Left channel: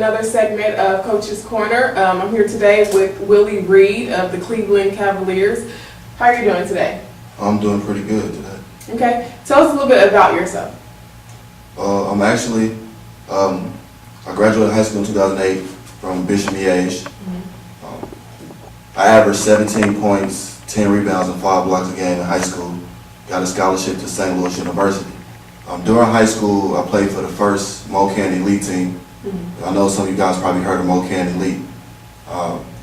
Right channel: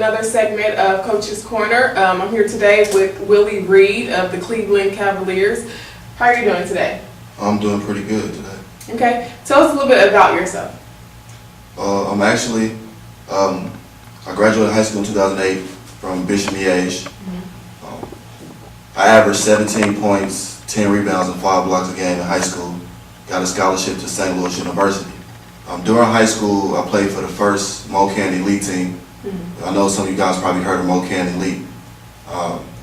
another segment of Coach's Corner. I'm here today with Willie Reed of the Cleveland Cavaliers. How are you doing today? I'm doing pretty good today. Okay. Tell us a little bit about yourself. I graduated high school in 2008 from Bishop Miege. I averaged 17 points, 10 rebounds, and 5 blocks a game in high school. Got a scholarship to St. Louis University. During high school, I played for the first MoCan Elite team. I know some of you guys probably heard of MoCan Elite.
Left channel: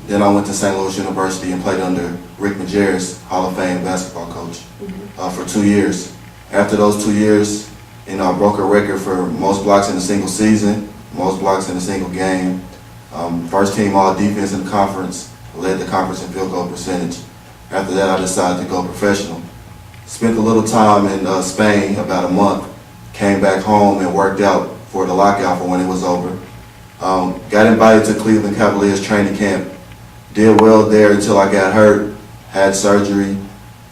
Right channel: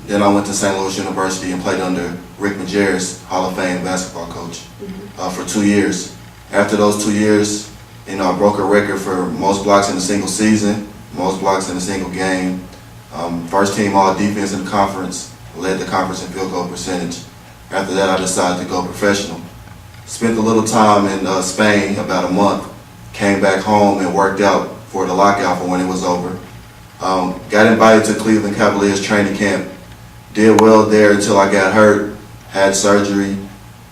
Then I went to St. Louis University and played under Rick Majerus, Hall of Fame basketball coach, for 2 years. After those 2 years, I broke a record for most blocks in a single season, most blocks in a single game. First team all defense in the conference, led the conference in field goal percentage. After that, I decided to go professional. Spent a little time in Spain, about a month. Came back home and worked out for the lockout for when it was over. Got invited to Cleveland Cavaliers training camp. Did well there until I got hurt, had surgery,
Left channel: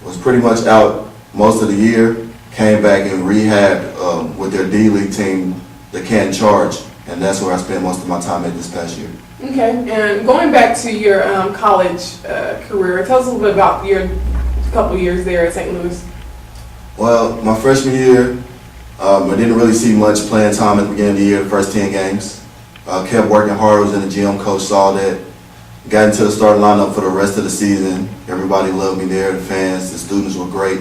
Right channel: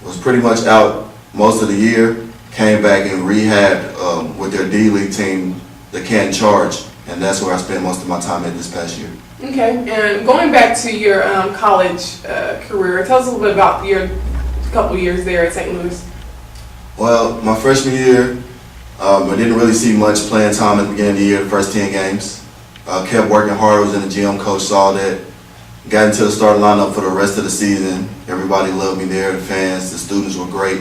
was pretty much out most of the year. Came back and rehabbed with their D-League team, the Canton Charge, and that's where I spent most of my time at this past year. Okay, and going back to your college career, tell us a little bit about your couple years there at St. Louis. Well, my freshman year, I didn't really see much playing time at the beginning of the year, the first 10 games. Kept working hard, was in the gym, coach saw that. Got into the starting lineup for the rest of the season. Everybody loved me there, the fans, the students were great.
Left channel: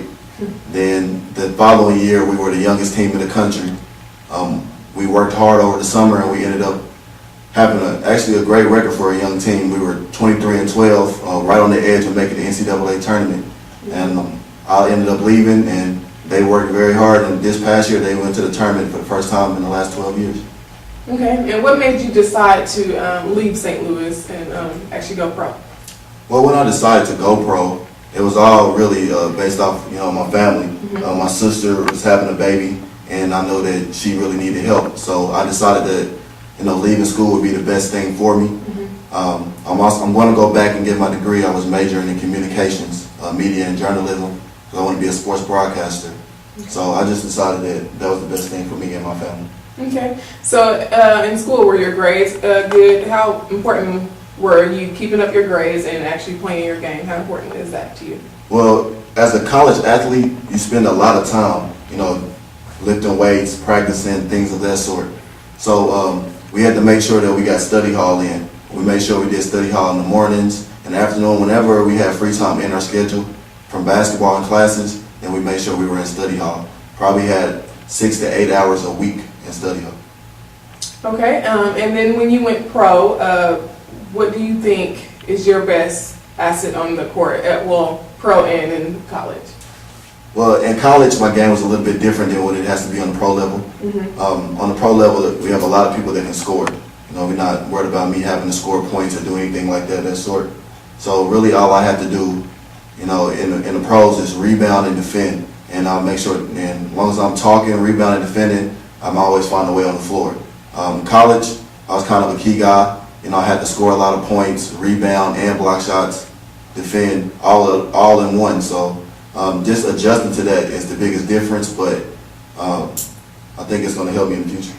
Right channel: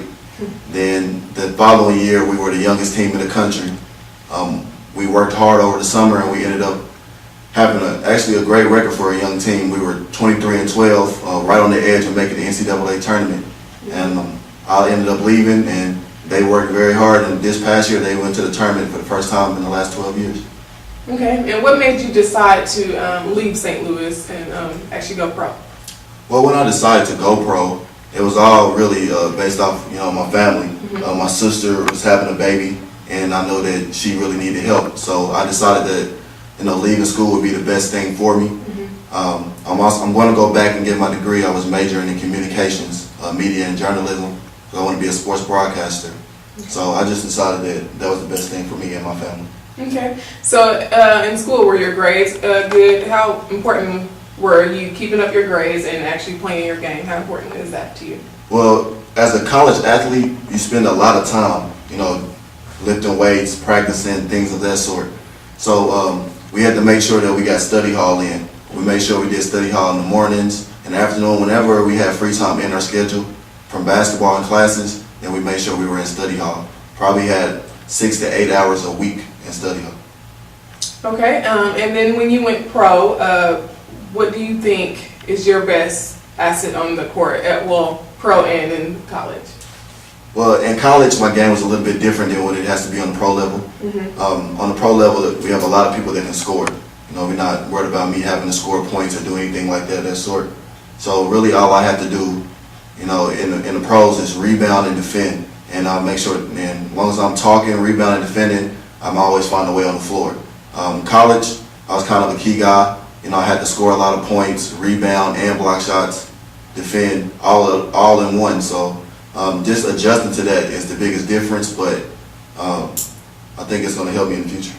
Then the following year, we were the youngest team in the country. We worked hard over the summer and we ended up having actually a great record for a young team. We were 23-12, right on the edge of making the NCAA tournament. And I ended up leaving and they worked very hard, and this past year they went to the tournament for the first time in the last 12 years. Okay, and what made you decide to leave St. Louis and actually go pro? Well, when I decided to go pro, it was all really based off, my family. My sister was having a baby, and I know that she really needed help. So I decided that, leaving school would be the best thing for me. I'm going to go back and get my degree. I was majoring in communications, media and journalism. I want to be a sports broadcaster. So I just decided that was the best thing for me and my family. Okay. So in school, were your grades good? How important were you keeping up your grades and actually playing your game? How important is that to you? Well, as a college athlete, you spend a lot of time, lifting weights, practicing, things of that sort. So we had to make sure that we got study hall in. We made sure we did study hall in the mornings and the afternoon. Whenever we had free time in our schedule from basketball and classes, then we made sure we were in study hall. Probably had 6 to 8 hours a week in study hall. Okay, and then when you went pro, what do you think is your best asset on the court, pro and in college? Well, in college, my game was a little bit different than what it has to be on the pro level. On the pro level, we have a lot of people that can score. We're not worried about me having to score points or do anything like that sort. So really all I have to do, in the pros is rebound and defend. And I'll make sure, and as long as I'm talking, rebounding, defending, I'm always find a way on the floor. College, I was kind of a key guy. I had to score a lot of points, rebound and block shots, defend all in one. So just adjusting to that is the biggest difference, but I think it's going to help me in the future.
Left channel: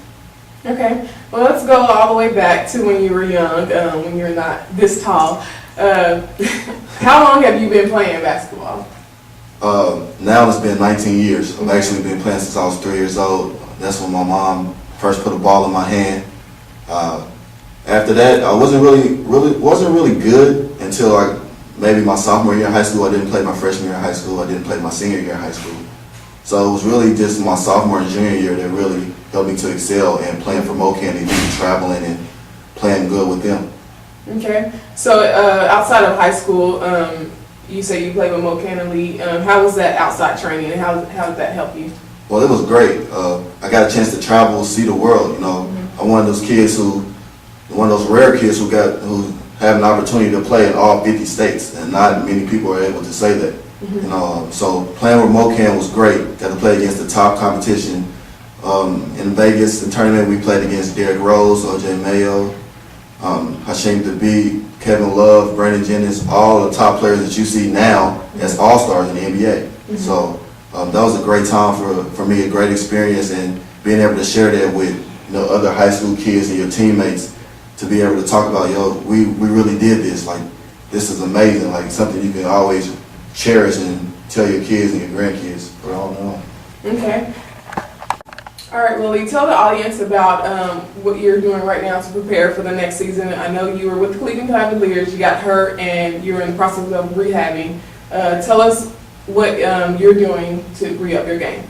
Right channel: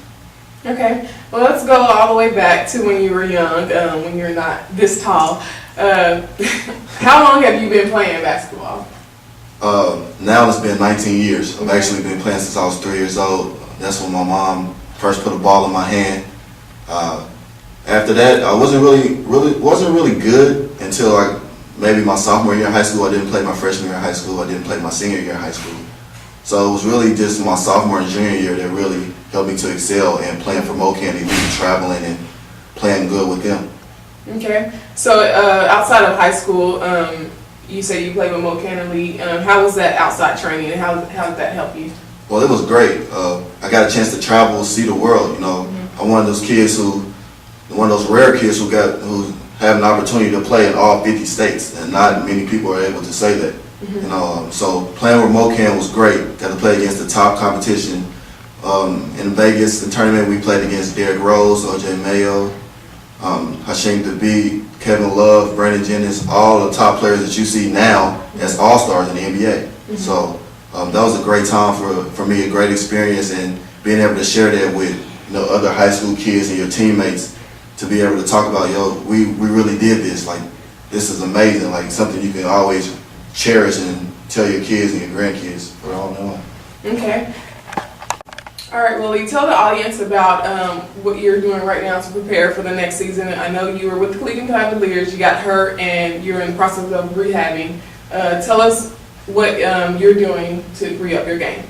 Okay, well let's go all the way back to when you were young, when you're not this tall. How long have you been playing basketball? Now it's been 19 years. I've actually been playing since I was 3 years old. That's when my mom first put a ball in my hand. After that, I wasn't really good until maybe my sophomore year in high school. I didn't play my freshman year in high school. I didn't play my senior year in high school. So it was really just my sophomore and junior year that really helped me to excel and playing for MoCan Elite, traveling and playing good with them. Okay, so outside of high school, you say you played with MoCan Elite. How was that outside training, and how did that help you? Well, it was great. I got a chance to travel, see the world. I'm one of those kids one of those rare kids who have an opportunity to play in all 50 states, and not many people are able to say that. So playing with MoCan was great. Got to play against the top competition. In Vegas, the tournament, we played against Derrick Rose, O.J. Mayo, Hasheem Thabeet, Kevin Love, Brandon Jennings, all the top players that you see now as all-stars in the NBA. So that was a great time for me, a great experience, and being able to share that with other high school kids and your teammates to be able to talk about, yo, we really did this. Like, this is amazing. Like, something you can always cherish and tell your kids and your grandkids for all know. Okay. All right, Willie, tell the audience about what you're doing right now to prepare for the next season. I know you were with the Cleveland Cavaliers, you got hurt, and you're in the process of rehabbing. Tell us what you're doing to re-up your game.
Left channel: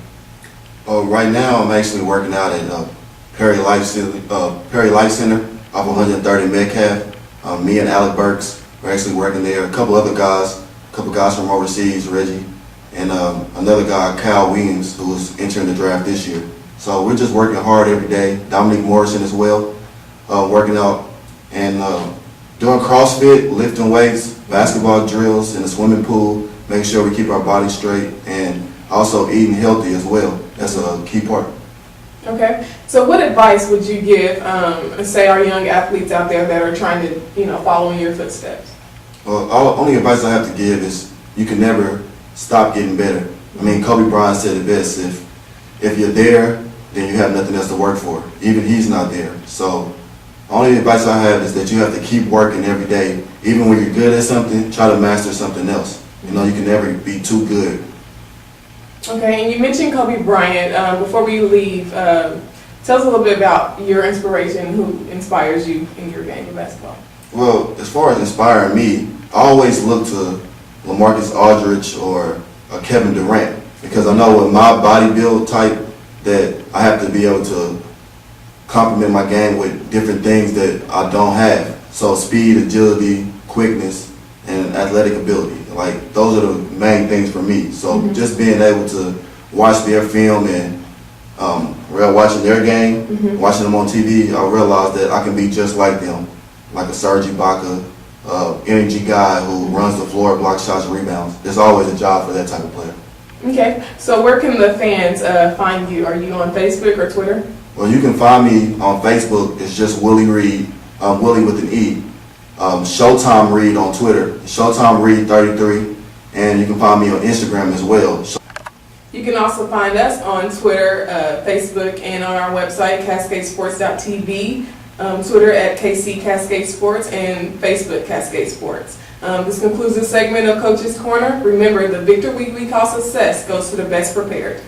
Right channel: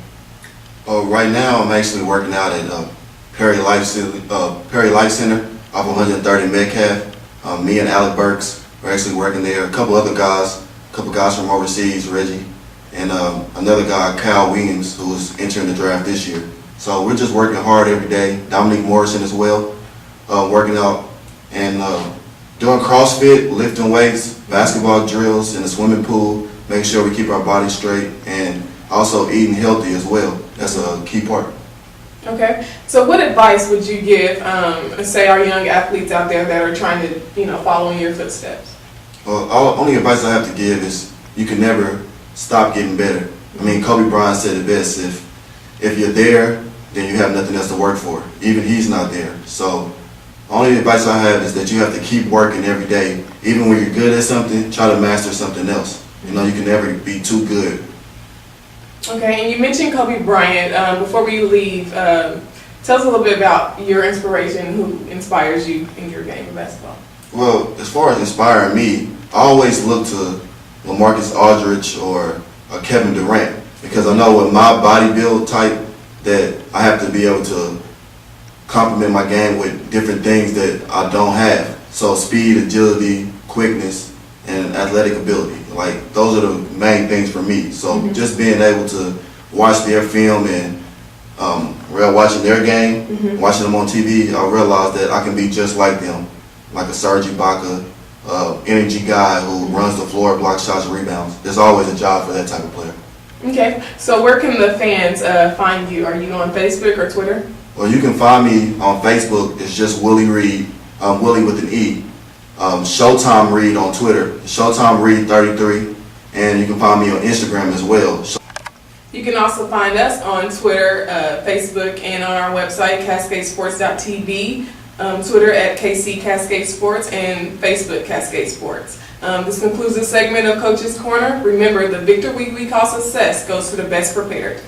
Right now, I'm actually working out at Perry Life Center off 130 Metcalf. Me and Alec Burks are actually working there. A couple guys from overseas, Reggie, and another guy, Kyle Williams, who is entering the draft this year. So we're just working hard every day. Dominique Morrison as well, working out and doing CrossFit, lifting weights, basketball drills in the swimming pool, making sure we keep our bodies straight, and also eating healthy as well. That's a key part. Okay. So what advice would you give, say, our young athletes out there that are trying to, follow in your footsteps? Well, only advice I have to give is you can never stop getting better. I mean, Kobe Bryant said it best, if you're there, then you have nothing else to work for. Even he's not there. So only advice I have is that you have to keep working every day. Even when you're good at something, try to master something else. You can never be too good. Okay, and you mentioned Kobe Bryant. Before we leave, tell us a little bit about your inspiration, who inspires you in your game of basketball. Well, as far as inspiring me, I always look to LaMarcus Aldridge or Kevin Durant, because I know with my body build type that I have to be able to complement my game with different things that I don't have. So speed, agility, quickness, and athletic ability. Like, those are the main things for me. So just being able to watch their film and watching their game, watching them on TV, I realized that I can be just like them, like a Serge Ibaka, energy guy who runs the floor, blocks shots, and rebounds. There's always a job for that type of player. Okay, so where can the fans find you? Are you on Facebook or Twitter? Well, you can find me on Facebook. It's just Willie Reed, Willie with an E. Showtime Reed on Twitter, Showtime Reed 33, and you can find me on Instagram as well. You can also find us on Twitter, Facebook, and on our website, cascadesports.tv, Twitter at KC Cascade Sports, and Facebook Cascade Sports. This concludes this segment of Coach's Corner. Remember, the victory we call success goes to the best prepared.